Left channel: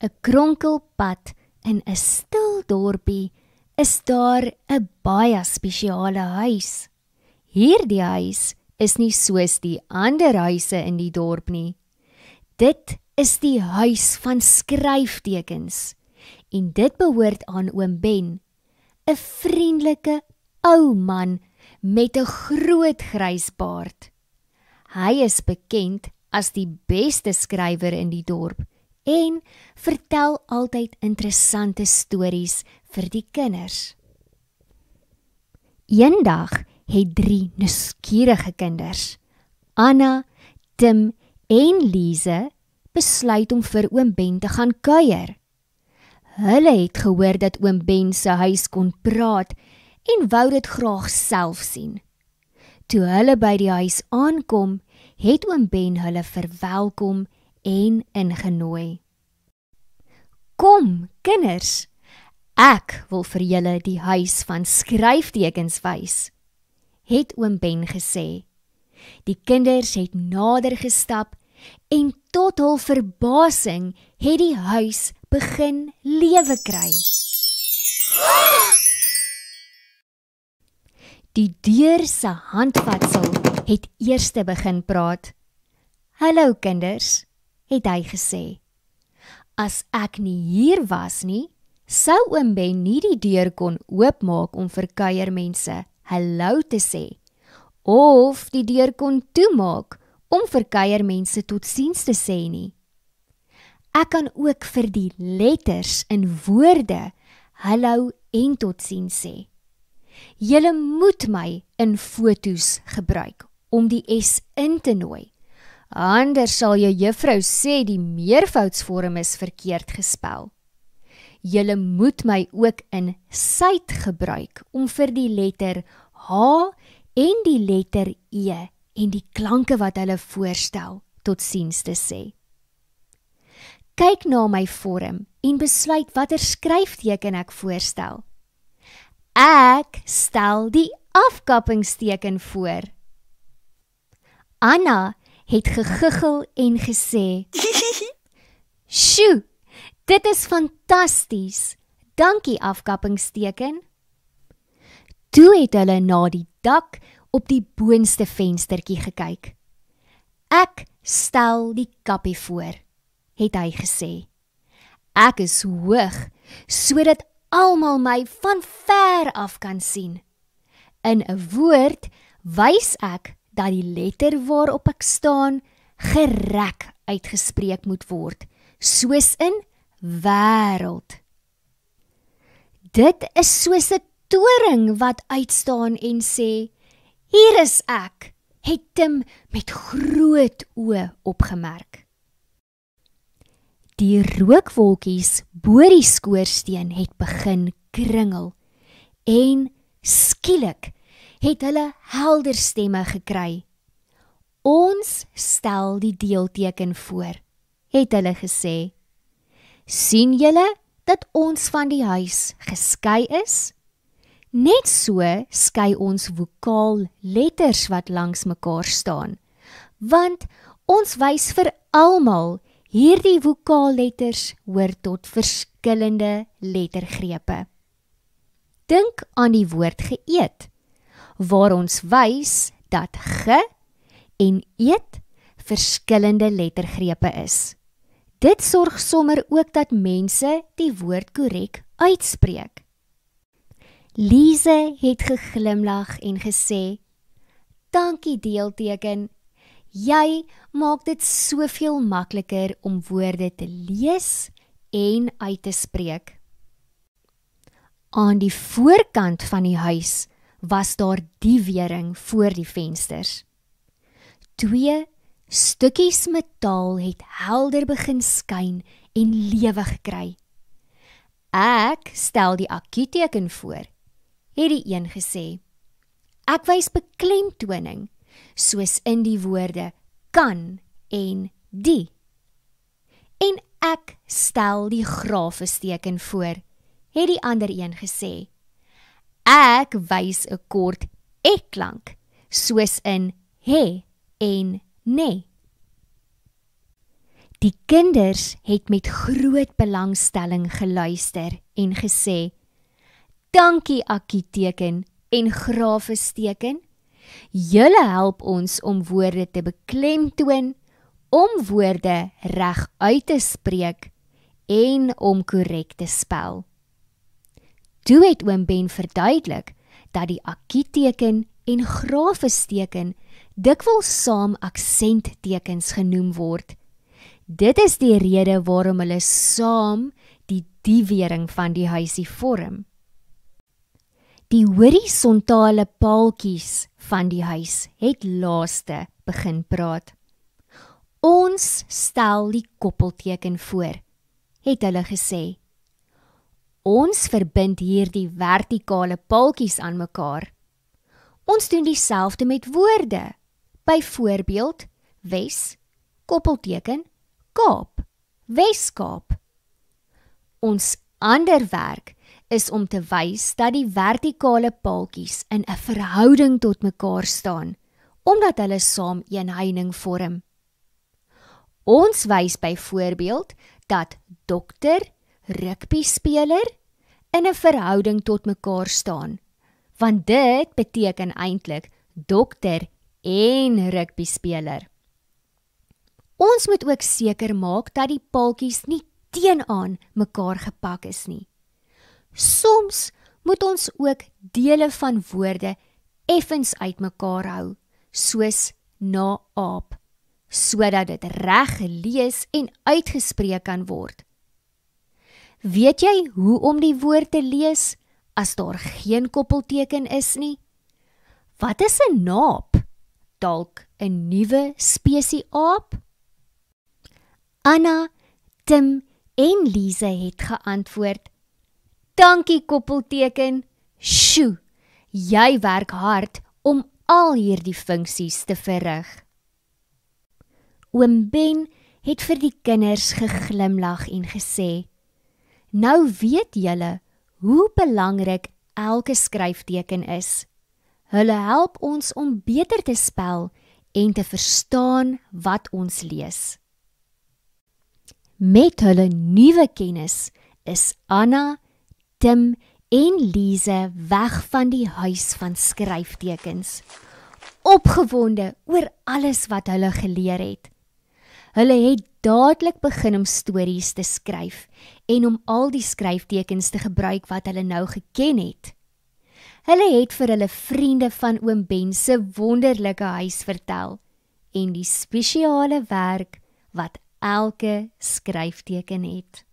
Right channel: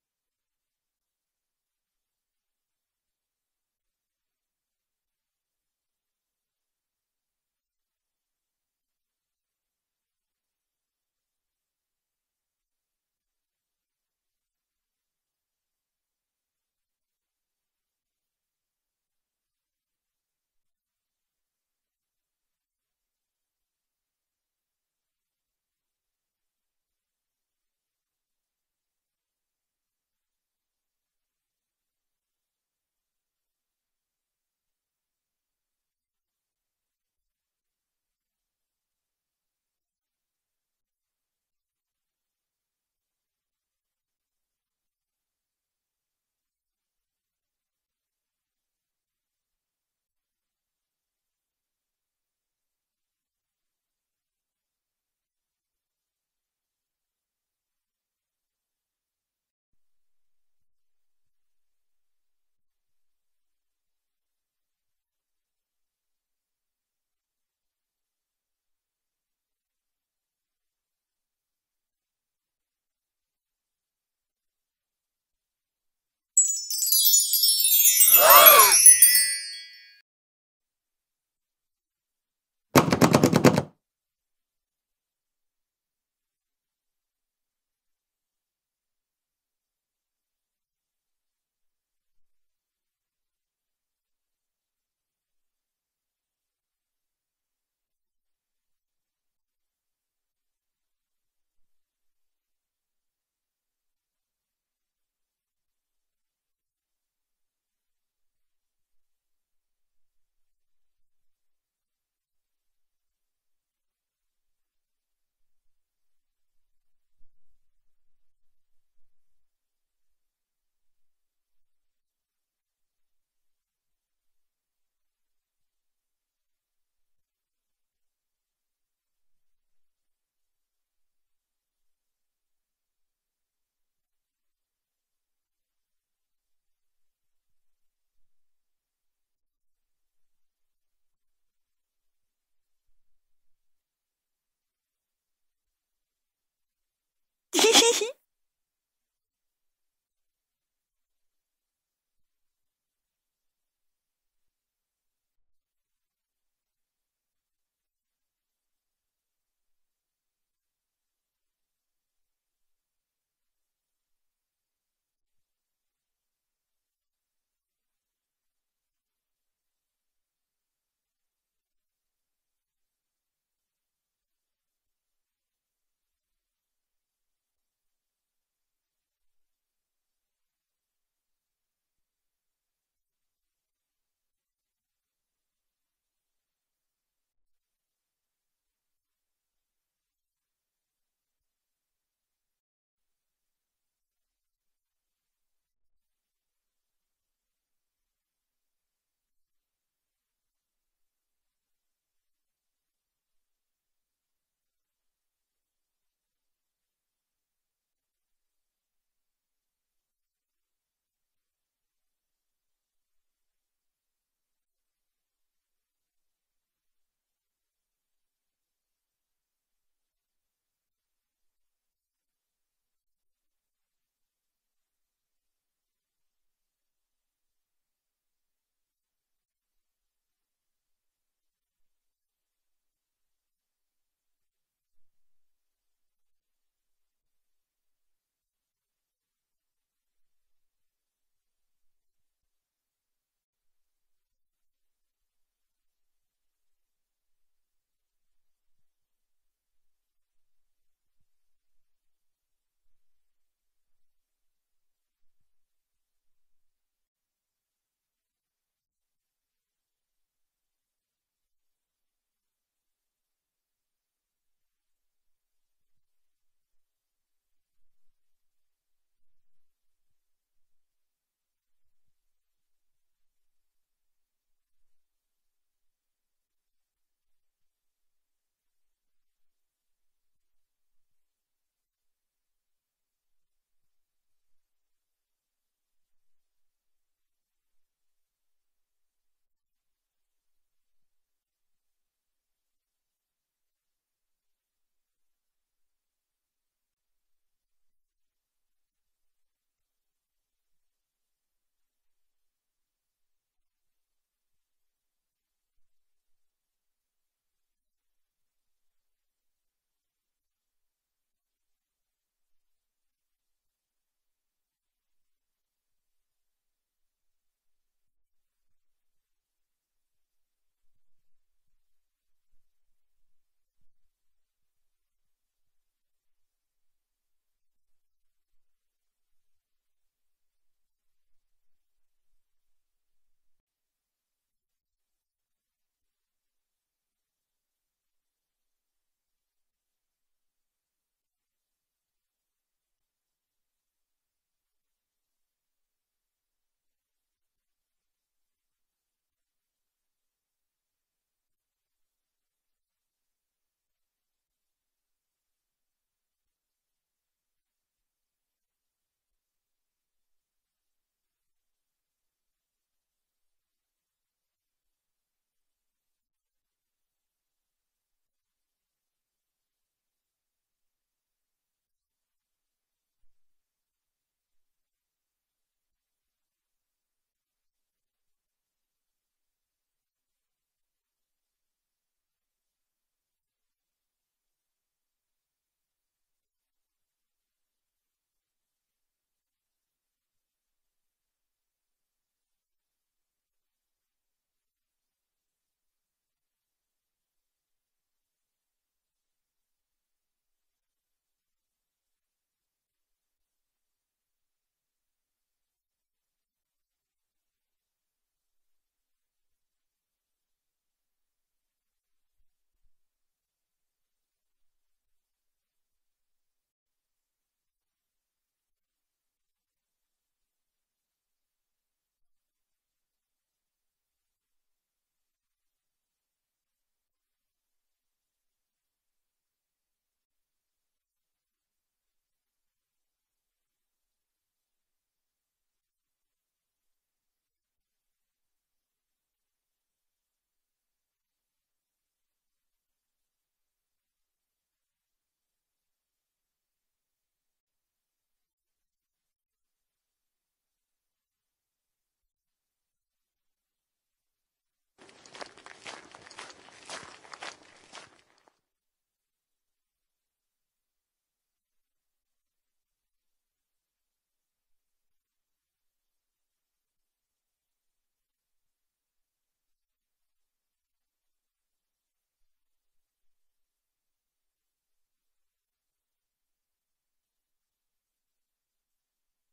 'n kronkelpad in 'n stil dorpie is daar 'n baie spesiale huis. Hierdie huis is nie soos die ander huise in die dorp nie. Dit is die huis van skryftekens en dit behoort aan oom Ben, 'n vriendelike ou man met 'n groot grys baard. Hy is bekend as die beste skrywer in die dorp en vertel altyd interessante stories vir die kinders. Eendag het 3 nuuskierige kinders, Anna, Tim en Lise, besluit om vir oom Ben te gaan kuier. Hulle het gehoor dat oom Ben se huis kon praat en wou dit graag self sien. Toe hulle by die huis aankom, het oom Ben hulle verwelkom en ingenooi. Kom, kinders, ek wil vir julle die huis van skryftekens wys, het oom Ben gesê. Die kinders het nader gestap en tot hul verbasing het die huis begin lewe kry. Die deur se handvatsel het eerste begin praat. Hallo kinders, het hy gesê. As ek nie hier was nie, sou oom Ben nie die deur kon oopmaak om vir kuiermense hallo te sê, of die deur kon toemaak om vir kuiermense totsiens te sê nie. Ek kan ook vir die letters in woorde hallo en totsiens sê. Julle moet my in foto's gebruik om die S in te nooi. Anders sal jou juffrou sê die meervoudsvorm is verkeerd gespel. Julle moet my ook in syt gebruik om vir die letter H en die letter E en die klanke wat hulle voorstel totsiens te sê. Kyk na my vorm en besluit watter skryfteken ek voorstel. Ek stel die afkappingsteken voor. Anna het gegiggel en gesê, "Sjoe, dit is fantasties. Dankie afkappingsteken." Toe het hulle na die dak op die boonste venstertjie gekyk. "Ek stel die kappie voor," het hy gesê. "Ek is hoog, sodat almal my van ver af kan sien. In 'n woord wys ek dat die letter waarop ek staan gerek uitgespreek moet word, soos in wêreld. Dit is soos 'n toring wat uitstaan en sê, hier is ek, het Tim met groot oë opgemerk. Die rookwolkies bo die skoorsteen het begin kringel en skielik het hulle helder stemme gekry. Ons stel die deelteken voor, het hulle gesê. Sien julle dat ons van die huis geskei is? Net so skei ons vokaal letters wat langs mekaar staan, want ons wys vir almal hierdie vokaalletters hoor tot verskillende lettergrepe. Dink aan die woord geëet, waar ons wys dat ge en eet verskillende lettergrepe is. Dit sorg sommer ook dat mense die woord korrek uitspreek. Lise het geglimlag en gesê, dankie deelteken, jy maak dit soveel makliker om woorde te lees en uit te spreek. Aan die voorkant van die huis was daar die wering voor die vensters. 2 stukkies metaal het helder begin skyn en lewe gekry. Ek stel die akkieteken voor, het die een gesê. Ek wys beklemtoning, soos in die woorde kan en die. En ek stel die grafesteken voor, het die ander een gesê. Ek wys 'n kort ek-klank, soos in he en ne. Die kinders het met groot belangstelling geluister en gesê, "Dankie Akkieteken en grafesteken. Julle help ons om woorde te beklemtoon, om woorde reg uit te spreek en om korrek te spel." Toe het oom Ben verduidelik dat die Akkieteken en grafesteken dikwels saam aksenttekens genoem word. Dit is die rede waarom hulle saam die diewering van die huisie vorm. Die horisontale paaltjies van die huis het laaste begin praat. "Ons stel die koppelteken voor," het hulle gesê. "Ons verbind hier die vertikale paaltjies aan mekaar. Ons doen dieselfde met woorde. Byvoorbeeld, Wes, koppelteken, Kaap, Weskaap. Ons ander werk is om te wys dat die vertikale paaltjies in 'n verhouding tot mekaar staan, omdat hulle saam een heining vorm. Ons wys byvoorbeeld dat dokter, rugbyspeler in 'n verhouding tot mekaar staan, want dit beteken eintlik dokter en rugbyspeler. Ons moet ook seker maak dat die paaltjies nie teenoor mekaar gepak is nie. Soms moet ons ook dele van woorde effens uitmekaar hou, soos na aap, sodat dit reg gelees en uitgespreek kan word. Weet jy hoe om die woord te lees as daar geen koppelteken is nie? Wat is 'n naap? Dalk 'n nuwe spesie aap? Anna, Tim en Lise het geantwoord, "Dankie koppelteken, sjoe, jy werk hard om al hierdie funksies te verrig." Oom Ben het vir die kinders geglimlag en gesê, "Nou weet julle hoe belangrik elke skryfteken is. Hulle help ons om beter te spel en te verstaan wat ons lees." Met hulle nuwe kennis is Anna, Tim en Lise weg van die huis van skryftekens, opgewonde oor alles wat hulle geleer het. Hulle het dadelik begin om stories te skryf en om al die skryftekens te gebruik wat hulle nou geken het. Hulle het vir hulle vriende van oom Ben se wonderlike huis vertel en die spesiale werk wat elke skryfteken het.